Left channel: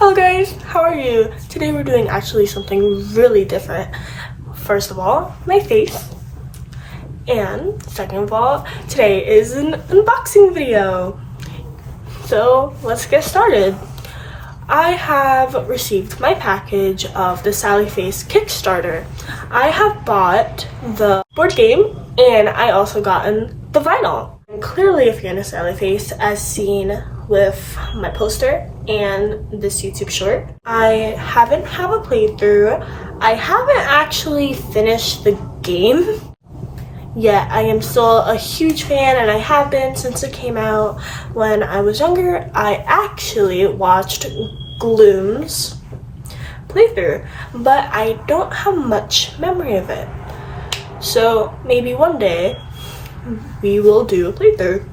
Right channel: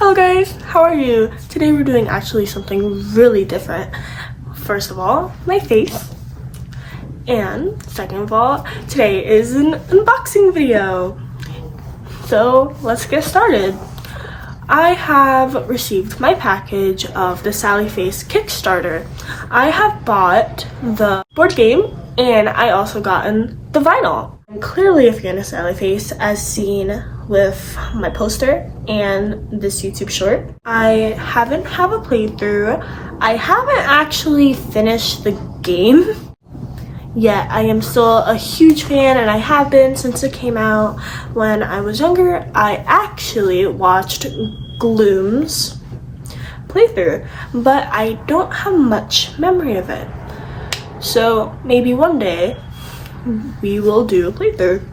Hello guys, how are you? Today we're doing actually something really different. First of all, my face. And second of all, today is an unboxing video. So let's get started. I have received my package of the Sally Face Kickstarter. I have bought the board game and I also gotten the vinyl. I'm clearly a fan of Sally Face as seen with my poster and this YouTube short. I haven't have a playthrough. I haven't actually finished the game yet. I am still a huge fan and I have been since it came out. When I was younger, I actually watched Gloom's playthrough, but I don't have much memory of it. So maybe one day we will do a playthrough.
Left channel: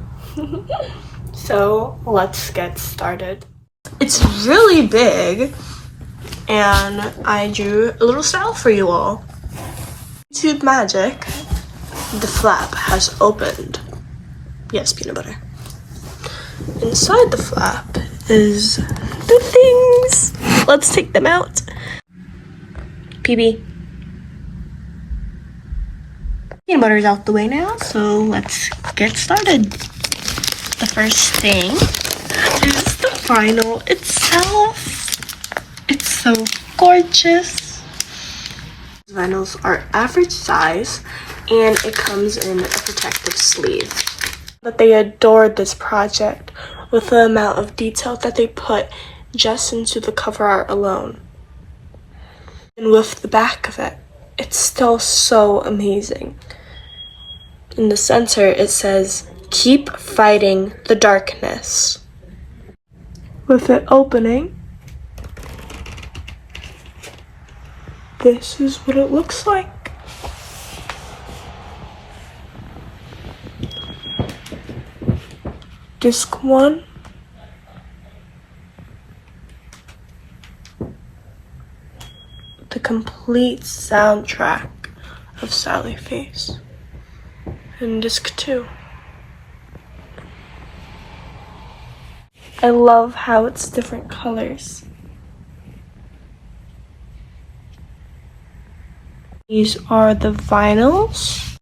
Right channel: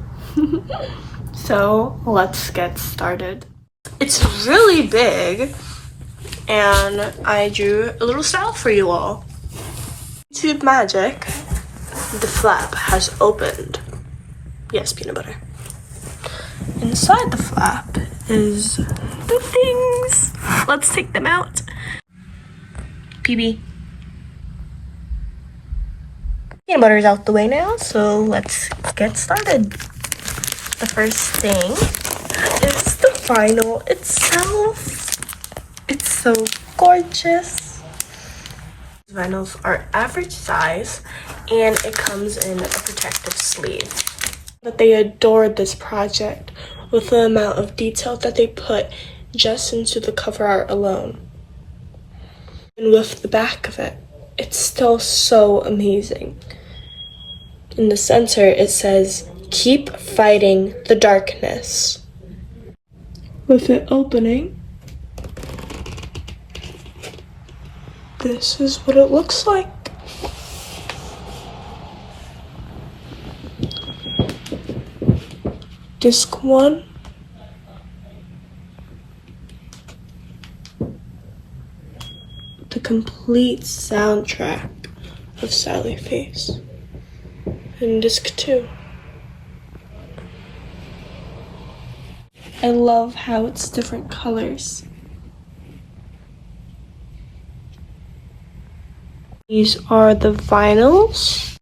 So let's get started. It's really big and I drew a little style for you all. YouTube magic, the flap has opened. Yes, peanut butter. Inside the flap is the things. Let's take them out. PB. Peanut butter's out the way now, so let's get started. The first thing is the vinyl itself. It's so gorgeous. Vinyls are average size and it comes in a protective sleeve. But they adored this project with the amount of detail that they put just into the cover art alone. And with the back of it, it's still so amazing. In the center, it says, "Keep fighting the darkness." With it opening, this is what it looks like. Disc 1. The complete soundtrack of Sally Face. And disc 2. I love how it's different colors. These are the vinyls.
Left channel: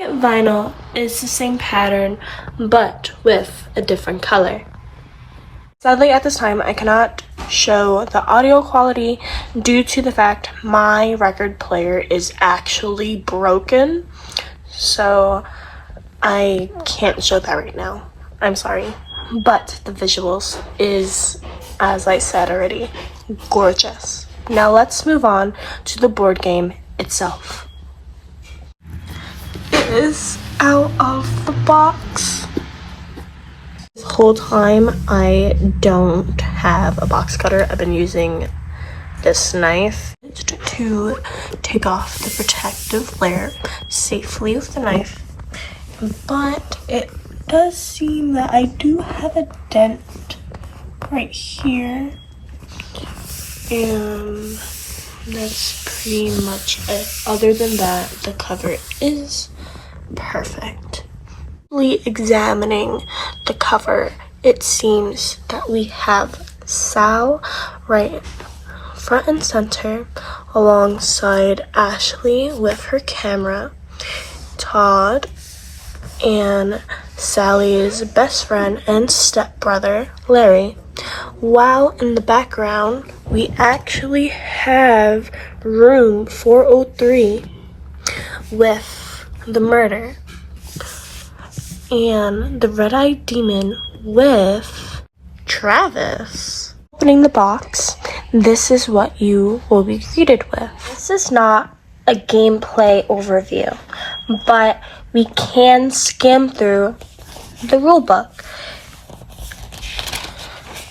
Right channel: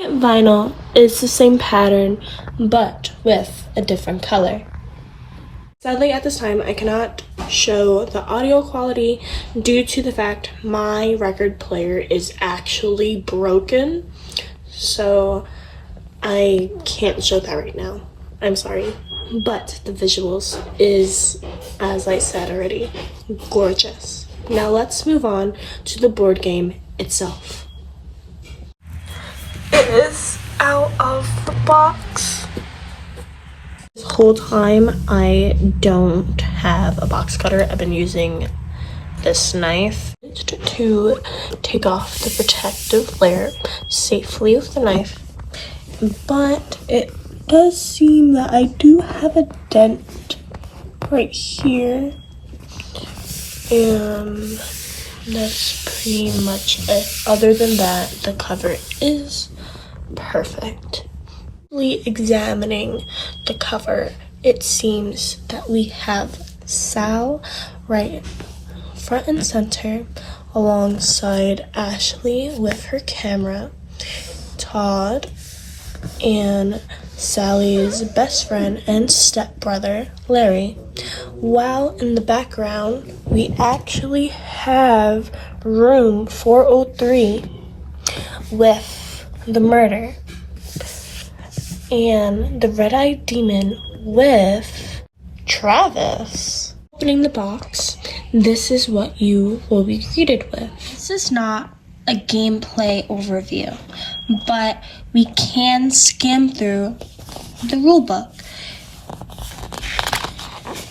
Vinyl is the same pattern, but with a different color. Sadly, at this time, I cannot show the audio quality due to the fact my record player is actually broken. So I can't show that right now. I'm sorry. But the visuals is, as I said already, gorgeous. Now let's move on to the board game itself. It is out of the box. This whole time I don't have a box cutter. I've been using this knife to take off the protective layer safely with the knife. But it does seem that I do have a dent right here. And that's pretty much it. Other than that, the cover is perfect. Examining the cover, it seems that we have Sal right front and center alongside Ashley with her camera, Todd, and Sally's best friend and stepbrother, Larry. While in the background, we actually have room 403 with the murder and the red-eyed demon with Travis. Opening the box, this is what you will be greeted with. This is not a gameplay overview, but we can skim through the rulebook.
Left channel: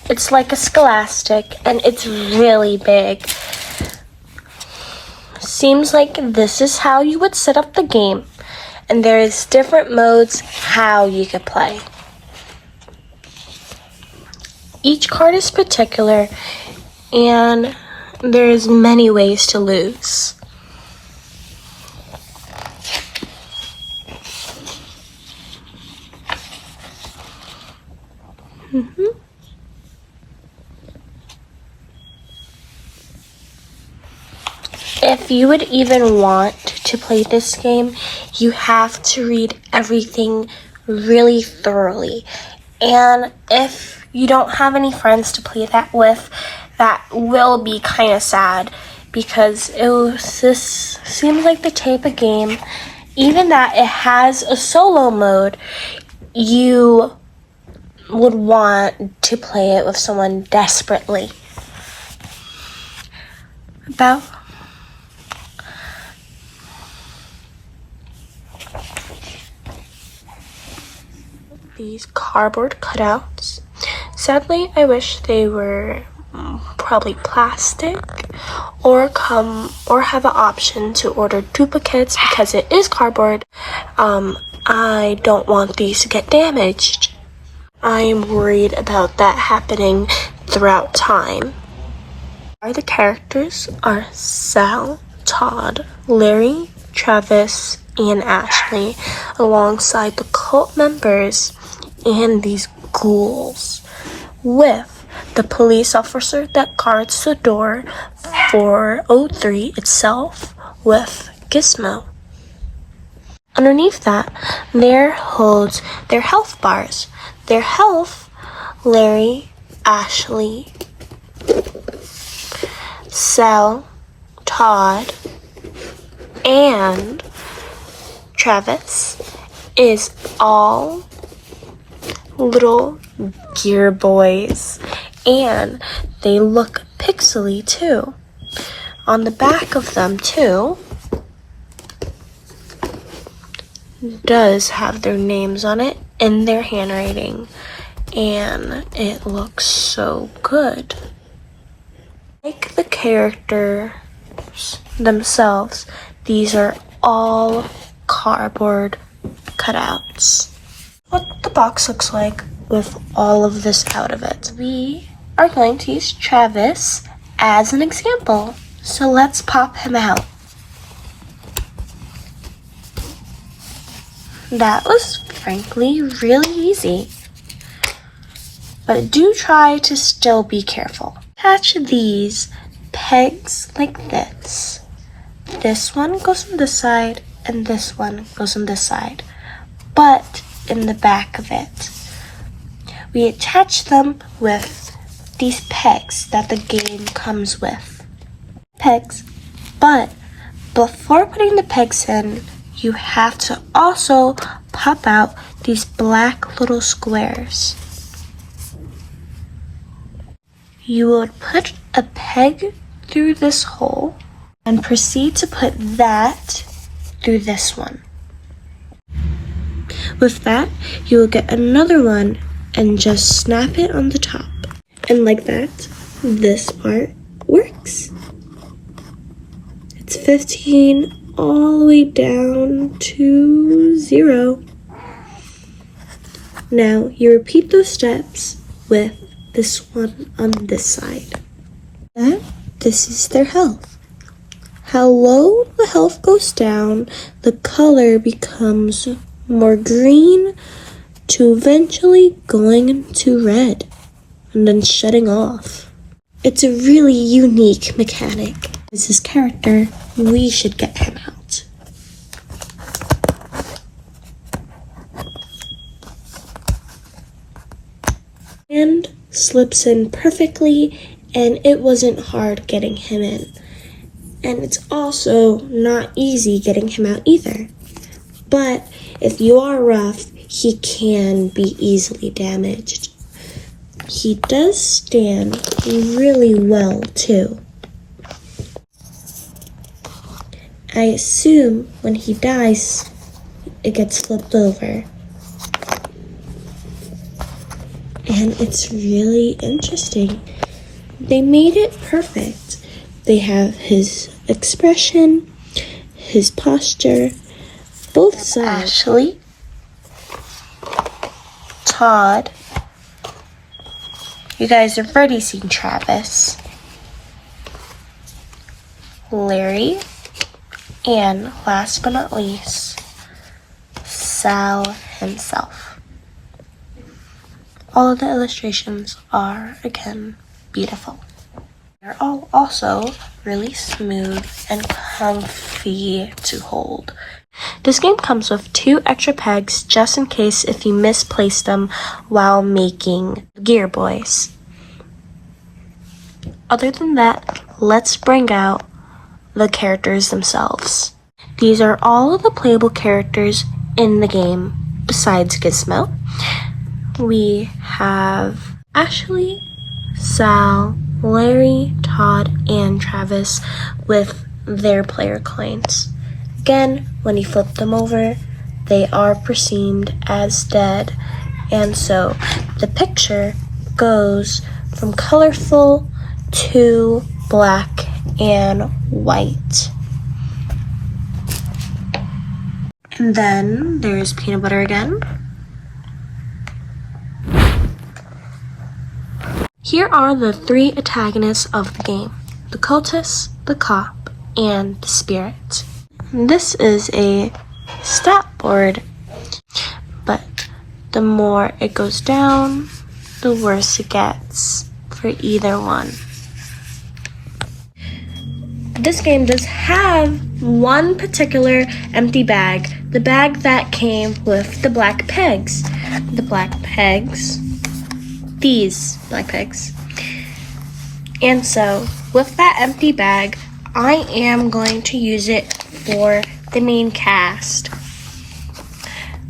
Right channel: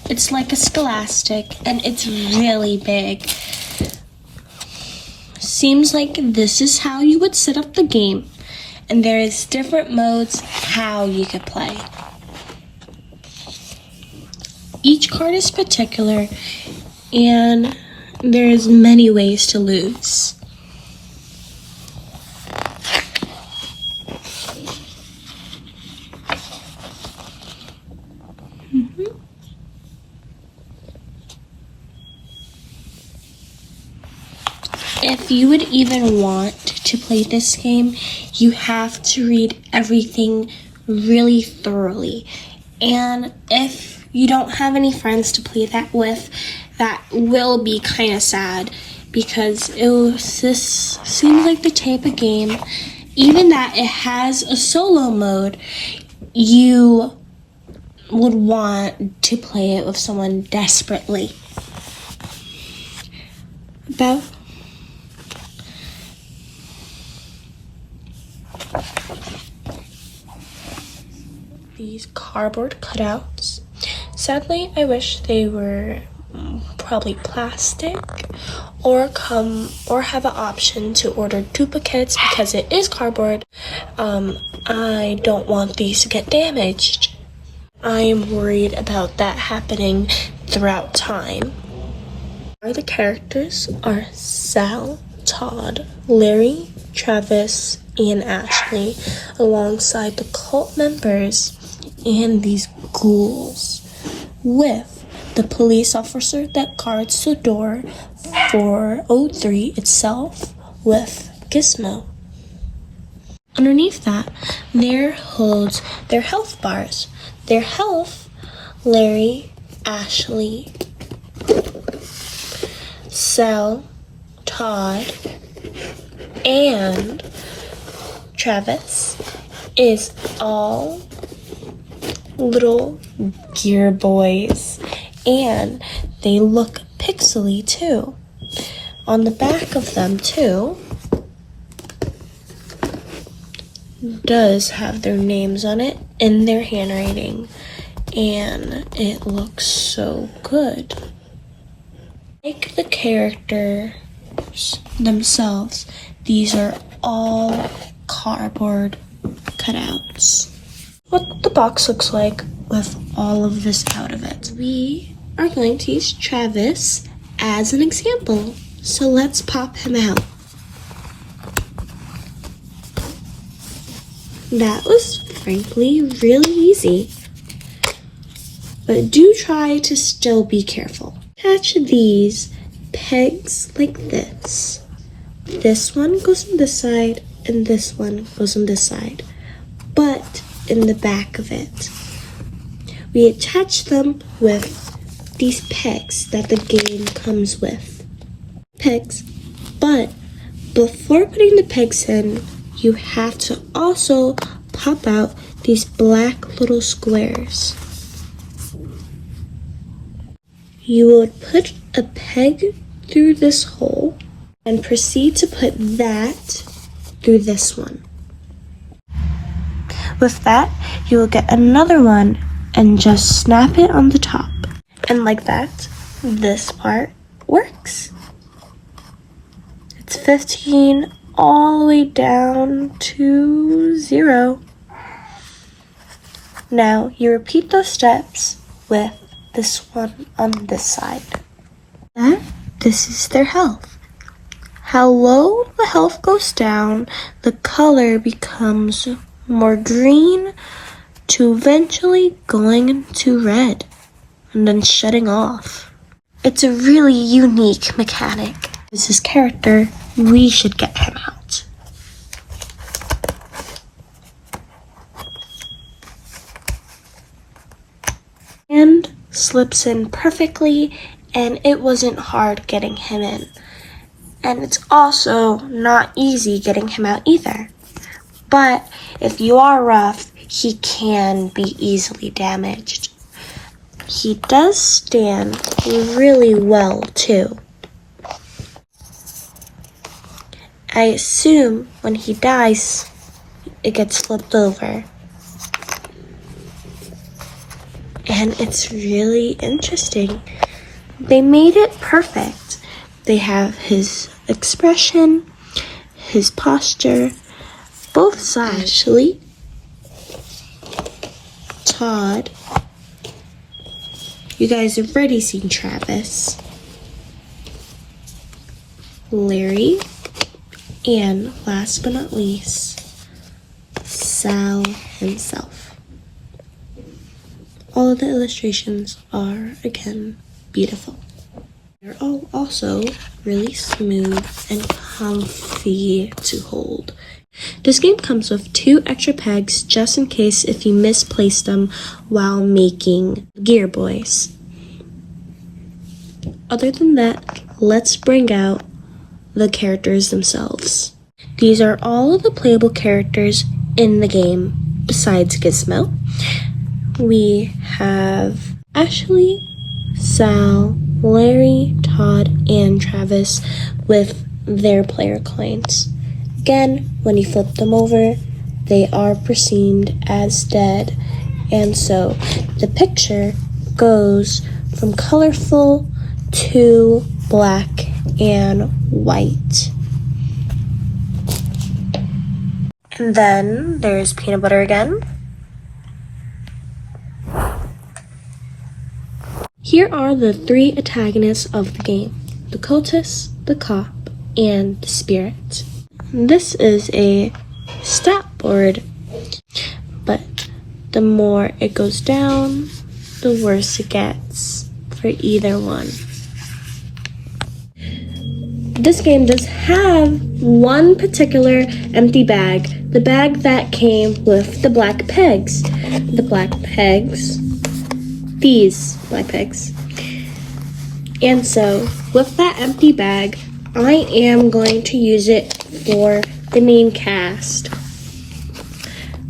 It's like a scholastic and it's really big. Seems like this is how you would set up the game, and there's different modes how you could play. Each card is particular and there's many ways to lose. if you would even want to play this game, you have to read everything really thoroughly. And if you don't have any friends to play that with, that will be kind of sad, because this seems like the type of game, even that it has a solo mode, you would want to play it with someone desperately. About these cardboard cutouts. Sadly, I wish they were probably plastic or have an option to order duplicates, because it is cardboard. I don't want these to get damaged. I'm worried about that happening throughout time. The characters are Sal, Todd, Larry, Travis, and Ashley, alongside the cult members and these ghouls, with the police officer that guards the door 403 itself with Gizmo. Underneath that, there holds their health bars. Their health, Larry, Ashley, Sal, Todd, and Travis is all little gear boys, and they look pixely too. On the back of them too does have their names on it in their handwriting, and it looks so good. Like the characters themselves, these are all cardboard cutouts. What the box looks like with all of this out of it. We are going to use Travis as an example, so let's pop him out. That was frankly really easy, but do try to still be careful. Attach these pegs like this. This one goes on this side and this one goes on this side, but in the back of it. We attach them with these pegs that the game comes with. Pegs, but before putting the pegs in, you have to also pop out these black little squares. You would put a peg through this hole and proceed to put that through this one. With that, you will get another one and just snap it on the top. And like that, this part works. It's 15 all the way down to 0. Now you repeat those steps with this one on this side. And this is their health. How low the health goes down, the color becomes more green to eventually going to red and then shutting off. It's a really unique mechanic. As this character, we should get him out. And slips in perfectly, and it wasn't hard getting him in. And it's also not easy getting him out either. But if you are rough, he can be easily damaged. He does stand really well too. I assume when he dies, it gets flipped over. And it's really interesting. They made it perfect. They have his expression, his posture, both sides. Ashley, Todd, you guys have already seen Travis, Larry, and last but not least, Sal himself. All of the illustrations are, again, beautiful. They're all also really smooth and comfy to hold. This game comes with 2 extra pegs just in case if you misplaced them while making Gear Boys. Other than that, let's bring out the characters themselves. These are all of the playable characters in the game besides Gizmo. We have Ashley, Sal, Larry, Todd, and Travis with their player coins. Again, when you flip them over, they are perceived as dead, and so the picture goes from colorful to black and white. And then there's Peanut Butter again. Here are the 3 antagonists of the game: the cultist, the cop, and the spirit. This is a stat board, but the more it goes down, the worse it gets for either one. This game does have one particular empty bag, the bag that came with the black pegs. These black pegs. And so, with that empty bag, I am going to use it for the main cast.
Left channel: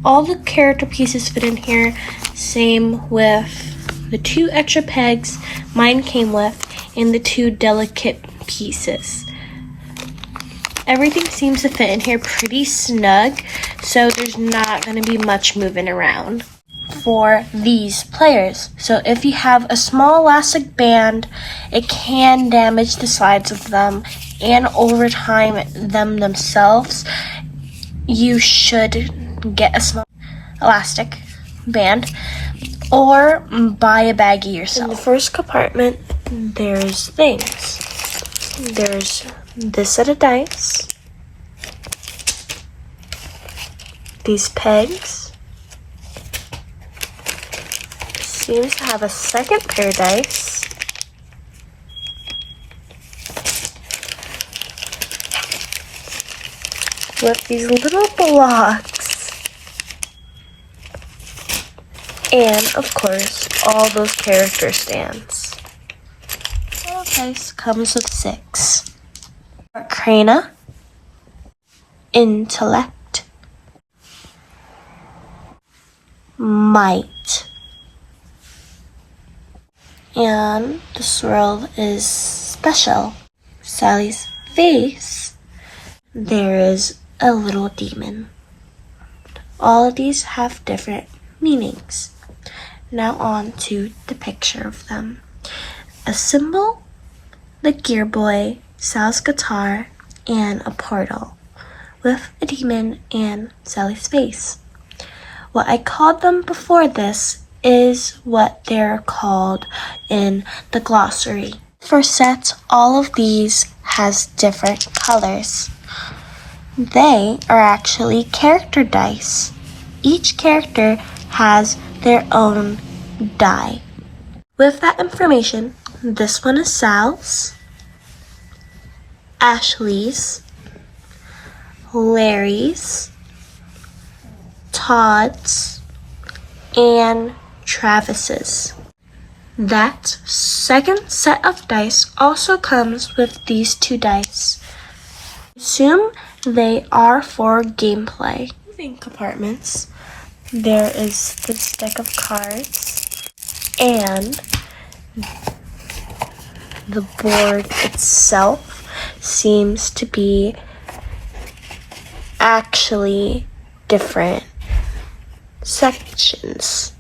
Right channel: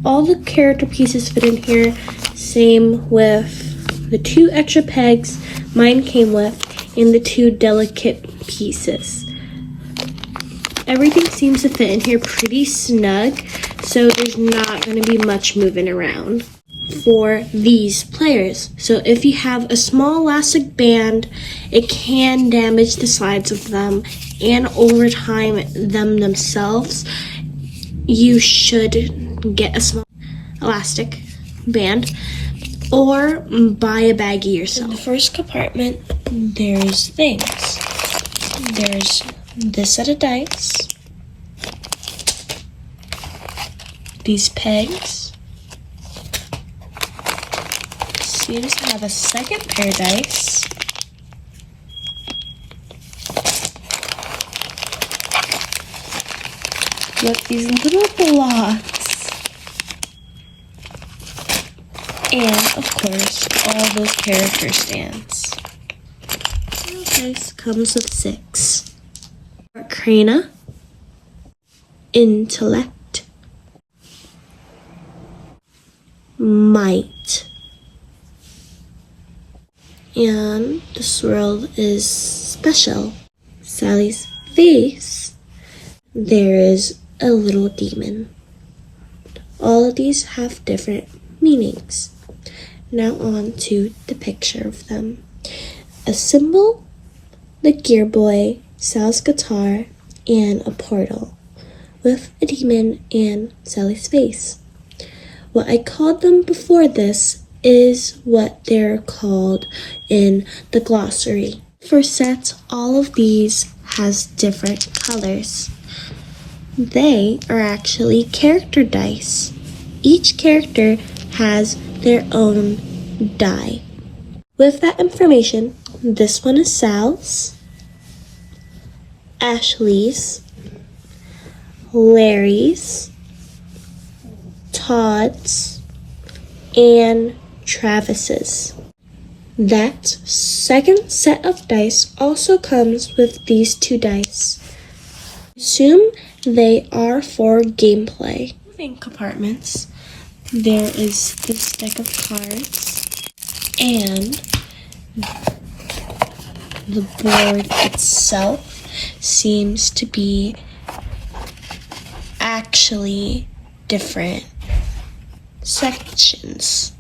All the character pieces fit in here, same with the 2 extra pegs mine came with and the 2 delicate pieces. Everything seems to fit in here pretty snug, so there's not going to be much moving around for these players. So if you have a small elastic band, it can damage the sides of them, and over time them themselves. You should get a small elastic band or buy a baggie yourself. In the first compartment, there's things. There's this set of dice, these pegs, seems to have a second pair of dice, with these little blocks, and of course all those character stands. So dice comes with 6. Arcana, Intellect, Might, and the swirl is Special. Sally's face, there is a little demon. All of these have different meanings. Now on to the picture of them. A symbol, the Gear Boy, Sal's guitar, and a portal with a demon and Sally's face. What I called them before this is what they're called in the glossary. For sets, all of these has different colors. They are actually character dice. Each character has their own die. With that information, this one is Sal's, Ashley's, Larry's, Todd's, and Travis's. That second set of dice also comes with these 2 dice. Assume they are for gameplay. In compartments, there is this deck of cards and the board itself seems to be actually different sections.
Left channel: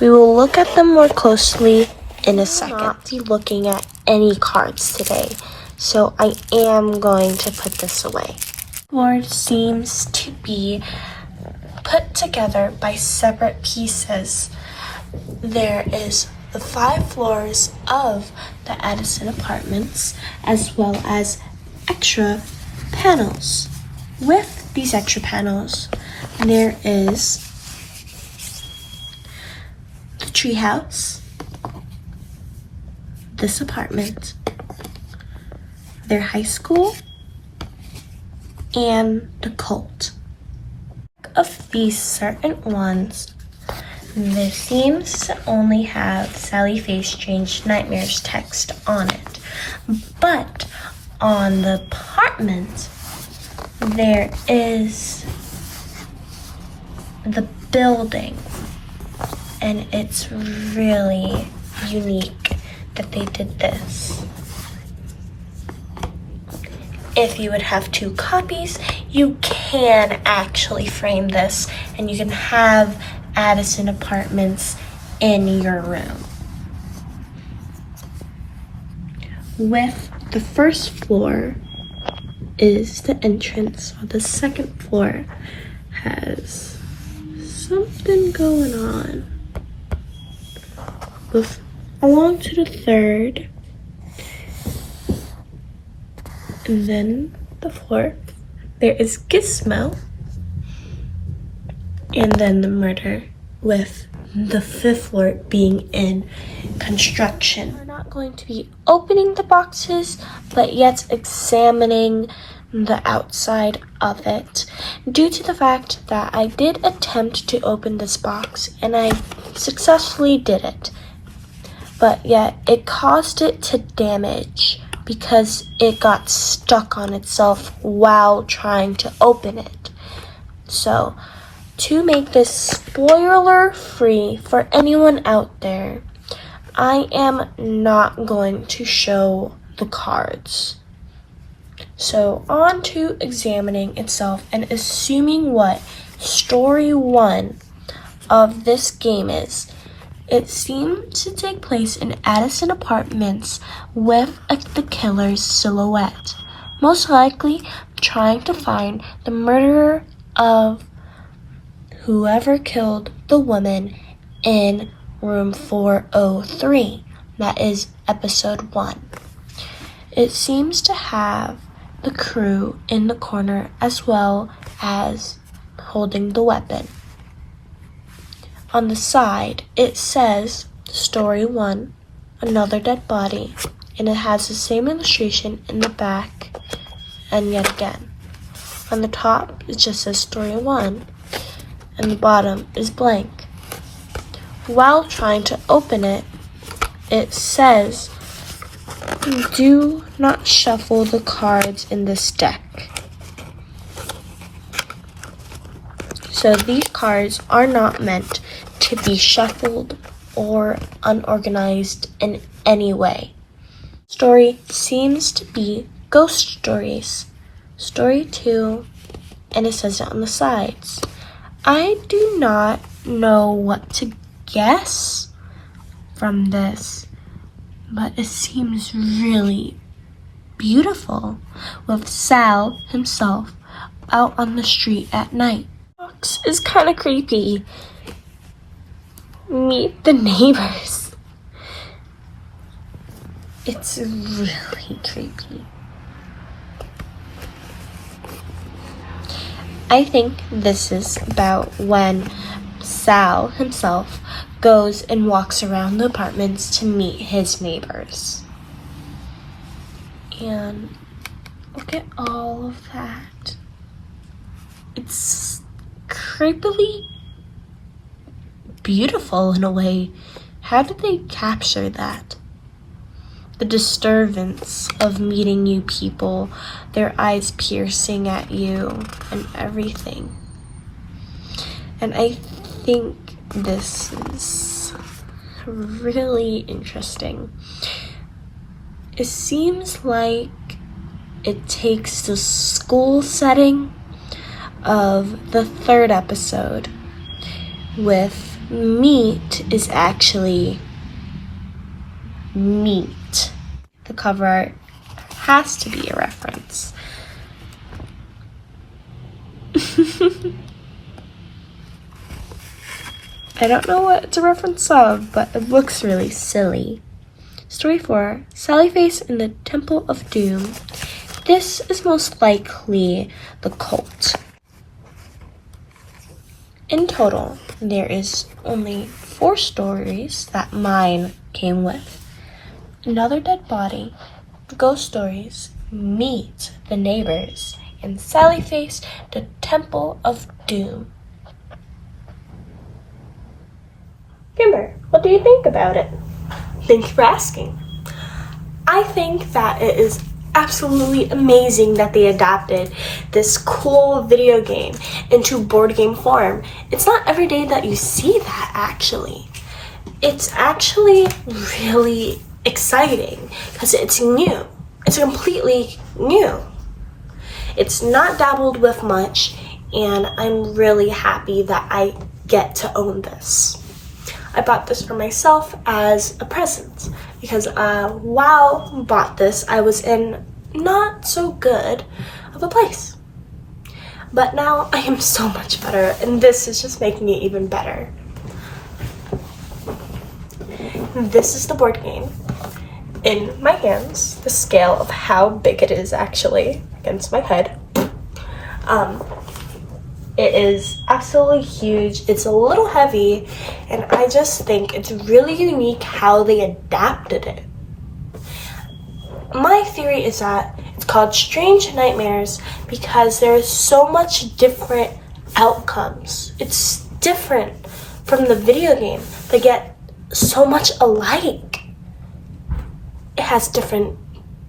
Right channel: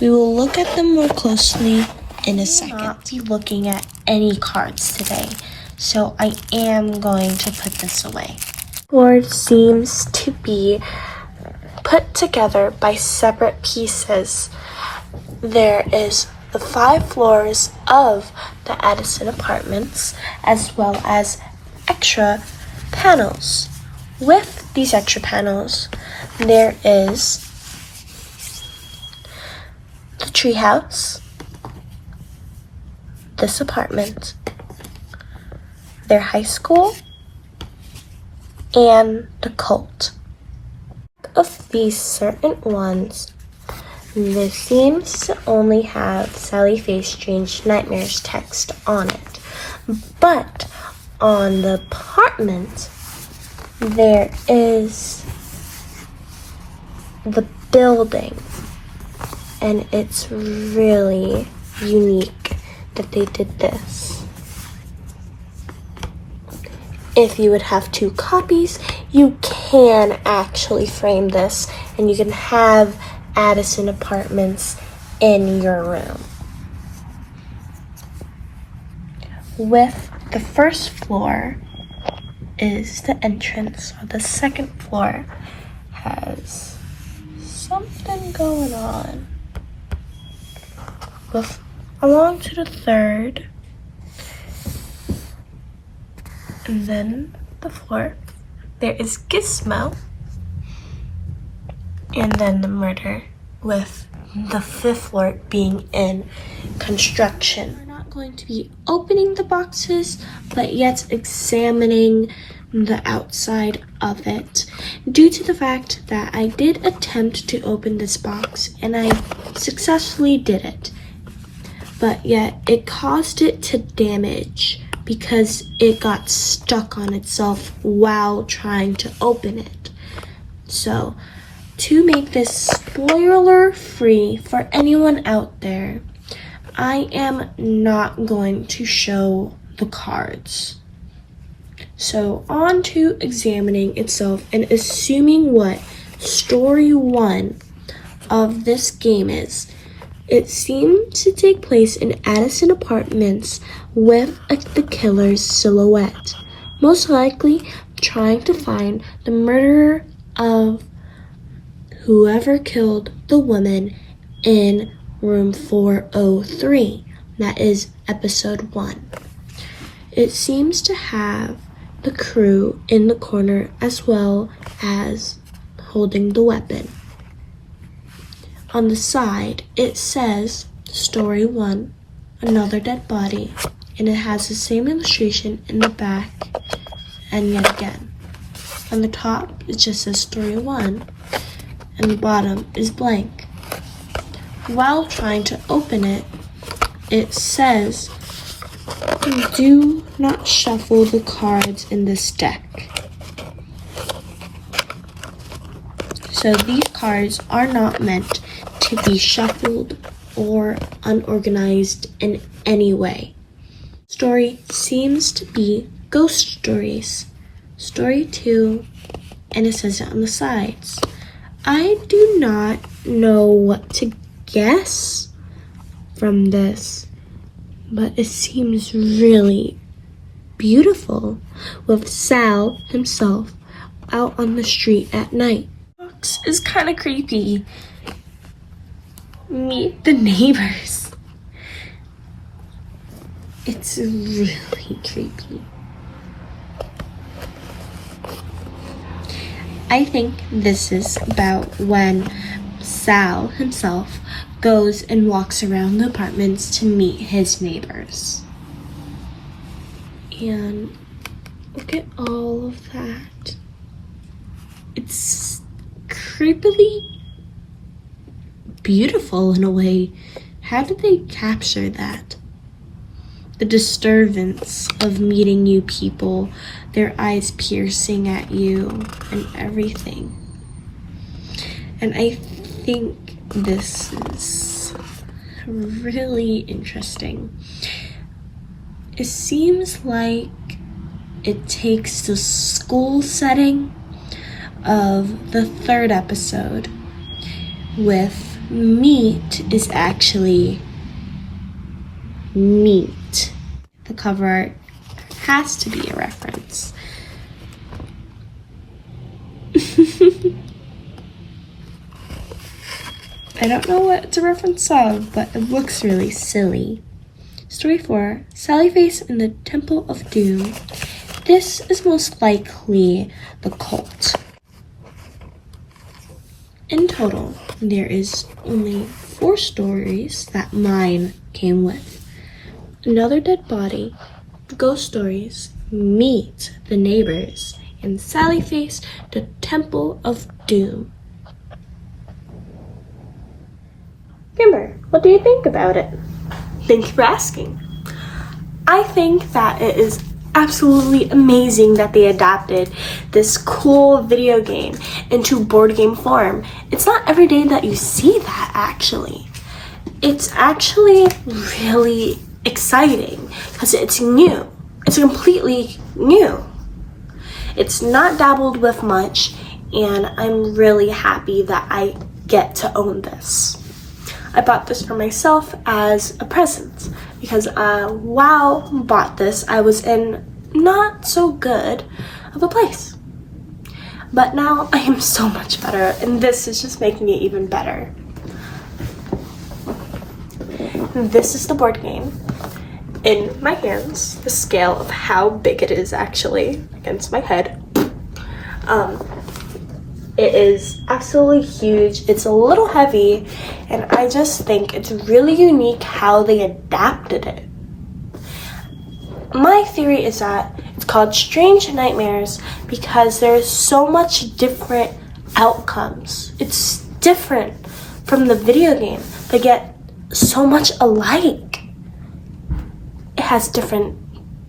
We will look at them more closely in a second. I will not be looking at any cards today, so I am going to put this away. The board seems to be put together by separate pieces. There is the 5 floors of the Addison Apartments, as well as extra panels. With these extra panels, there is the treehouse, this apartment, their high school, and the cult. Of these certain ones, this seems to only have Sally Faye's Strange Nightmares text on it. But on the apartment, there is the building. And it's really unique that they did this. If you would have 2 copies, you can actually frame this and you can have Addison Apartments in your room. With the first floor is the entrance. The second floor has something going on. Along to the third, and then the fourth, there is Gizmo, and then the murder, with the fifth floor being in construction. We're not going to be opening the boxes, but yet examining the outside of it, due to the fact that I did attempt to open this box, and I successfully did it. But yet it caused it to damage because it got stuck on itself while trying to open it. So, to make this spoiler free for anyone out there, I am not going to show the cards. So, on to examining itself and assuming what story 1 of this game is. It seemed to take place in Addison Apartments with the killer's silhouette, most likely trying to find the murderer of whoever killed the woman in room 403. That is episode 1. It seems to have the crew in the corner as well as holding the weapon. On the side, it says Story 1, Another Dead Body, and it has the same illustration in the back and yet again. On the top, it just says Story 1, and the bottom is blank. While trying to open it, it says, do not shuffle the cards in this deck. So these cards are not meant to be shuffled or unorganized in any way. Story seems to be Ghost Stories. Story 2, and it says it on the sides. I do not know what to guess from this, but it seems really beautiful with Sal himself out on the street at night. Box is kind of creepy. Meet the neighbors. It's really creepy. I think this is about when Sal himself goes and walks around the apartments to meet his neighbors. And look at all of that. It's creepily beautiful in a way. How did they capture that? The disturbance of meeting new people, their eyes piercing at you, and everything. And I think this is really interesting. It seems like it takes the school setting of the third episode with meat is actually meat. The cover art has to be a reference. I don't know what it's a reference of, but it looks really silly. Story 4, Sally Face in the Temple of Doom. This is most likely the cult. In total, there is only 4 stories that mine came with. Another dead body, ghost stories, meet the neighbors, and Sally Face, the Temple of Doom. Kimber, what do you think about it? Thank you for asking. I think that it is absolutely amazing that they adapted this cool video game into board game form. It's not every day that you see that, actually. It's actually really exciting because it's new. It's completely new. It's not dabbled with much, and I'm really happy that I get to own this. I bought this for myself as a present because while I bought this, I was in not so good of a place. But now I am so much better, and this is just making it even better. This is the board game. In my hands, the scale of how big it is actually against my head. It is absolutely huge. It's a little heavy, and I just think it's really unique how they adapted it. My theory is that it's called Strange Nightmares because there's so much different outcomes. It's different from the video game. They get so much alike. It has different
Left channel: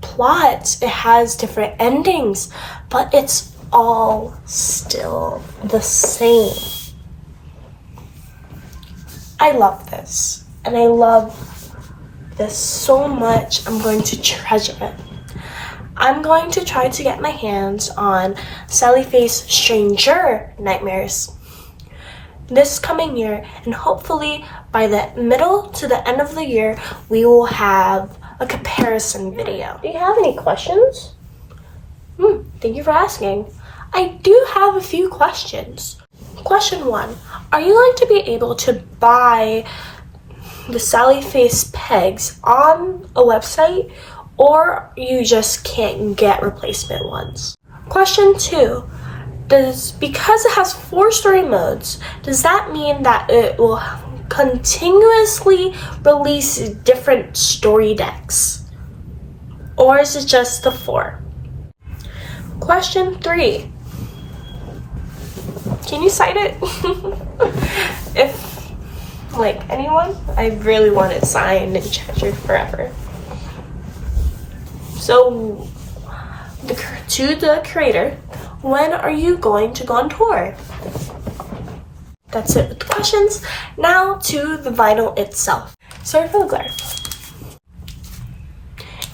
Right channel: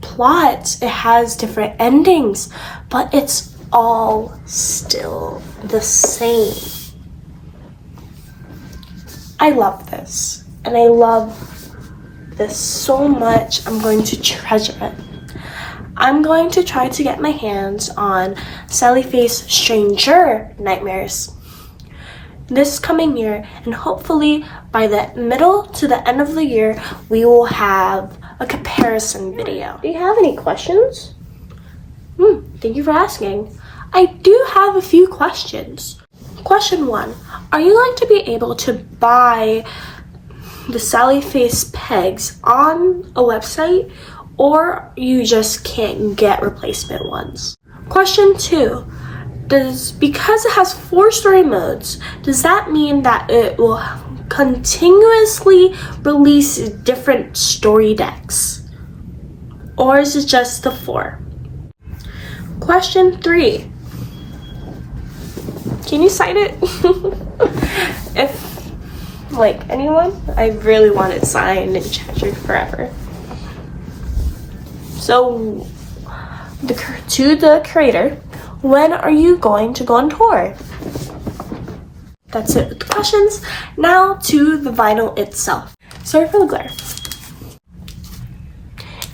plots, it has different endings, but it's all still the same. I love this, and I love this so much. I'm going to treasure it. I'm going to try to get my hands on Sally Face Stranger Nightmares this coming year, and hopefully by the middle to the end of the year we will have a comparison video. Do you have any questions? Thank you for asking. I do have a few questions. Question 1, are you going to be able to buy the Sally Face pegs on a website, or you just can't get replacement ones? Question 2, because it has 4 story modes, does that mean that it will continuously release different story decks? Or is it just the 4? Question 3. Can you cite it? If, like, anyone, I really want it signed and treasured forever. So, to the creator, when are you going to go on tour? That's it with the questions. Now to the vinyl itself. Sorry for the glare.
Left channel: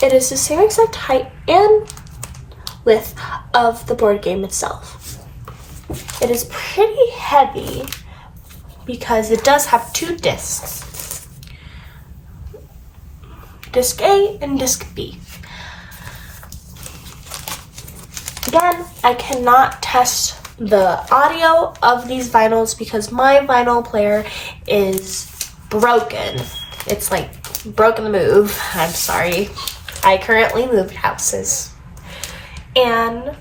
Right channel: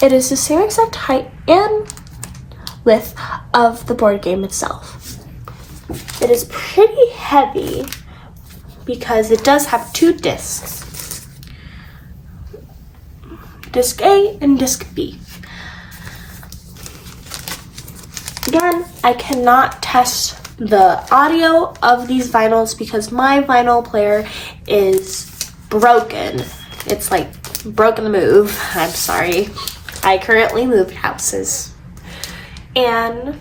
It is the same exact height and width of the board game itself. It is pretty heavy because it does have 2 discs. Disc A and Disc B. Again, I cannot test the audio of these vinyls because my vinyl player is broken. It's like broken the move. I'm sorry. I currently moved houses. And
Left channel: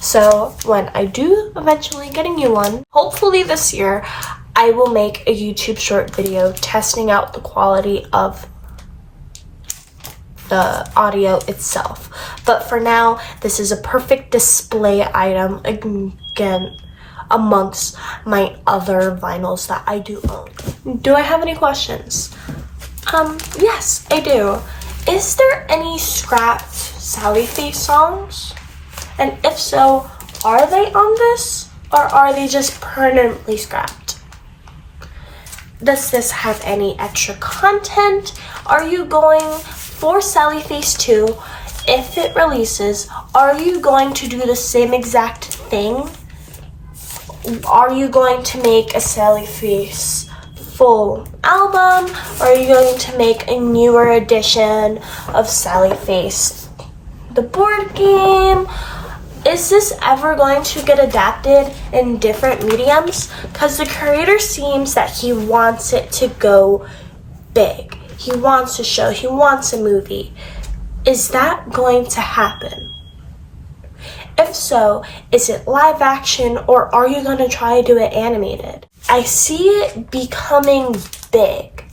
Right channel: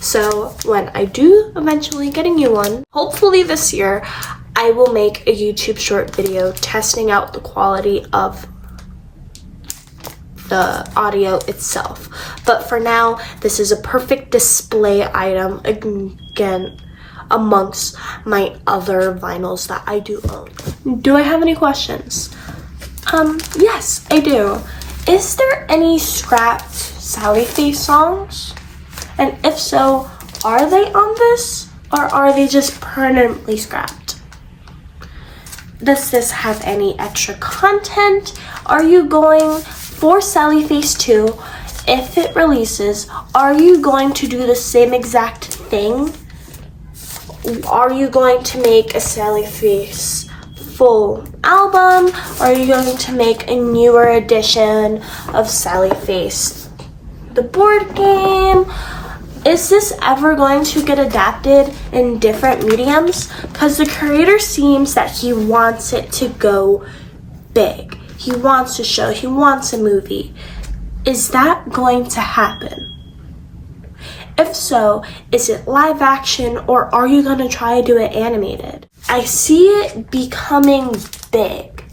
so when I do eventually get a new one, hopefully this year, I will make a YouTube short video testing out the quality of the audio itself. But for now, this is a perfect display item again amongst my other vinyls that I do own. Do I have any questions? Yes, I do. Is there any scrapped Sally Face songs? And if so, are they on this, or are they just permanently scrapped? Does this have any extra content? Are you going for Sally Face 2? If it releases, are you going to do the same exact thing? Are you going to make a Sally Face full album, or are you going to make a newer edition of Sally Face, the board game? Is this ever going to get adapted in different mediums? Because the creator seems that he wants it to go big. He wants a show, he wants a movie. Is that going to happen? If so, is it live action, or are you going to try to do it animated? I see it becoming big,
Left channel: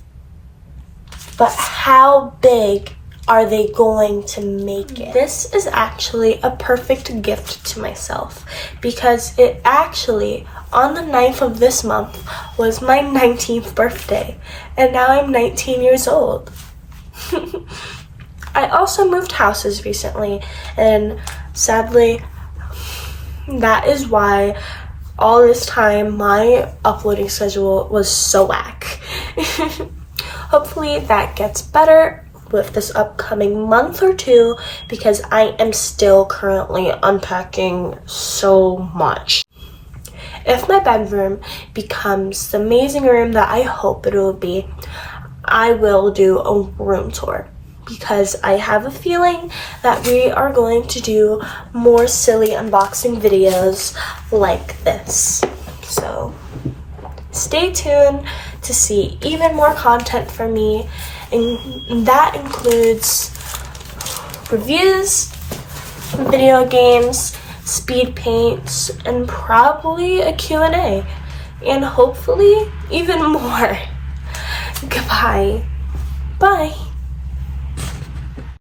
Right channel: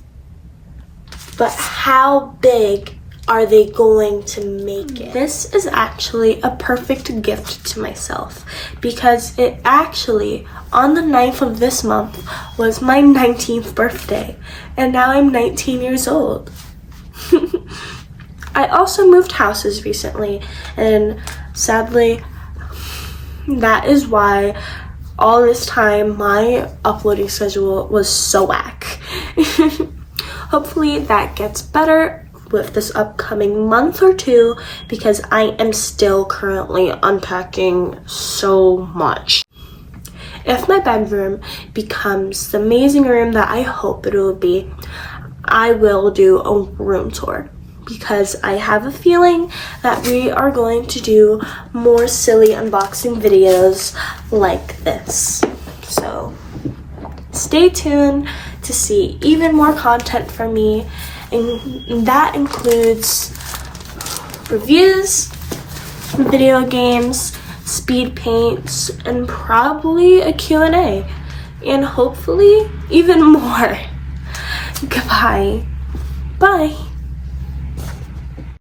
but how big are they going to make it? This is actually a perfect gift to myself because it actually, on the 9th of this month, was my 19th birthday, and now I'm 19 years old. I also moved houses recently, and sadly, that is why all this time my uploading schedule was so whack. Hopefully that gets better with this upcoming month or two because I am still currently unpacking so much. If my bedroom becomes the amazing room that I hope it will be, I will do a room tour because I have a feeling that we are going to do more silly unboxing videos like this. So stay tuned to see even more content from me, and that includes reviews, video games, speed paints, and probably a Q&A, and hopefully even more. Goodbye. Bye.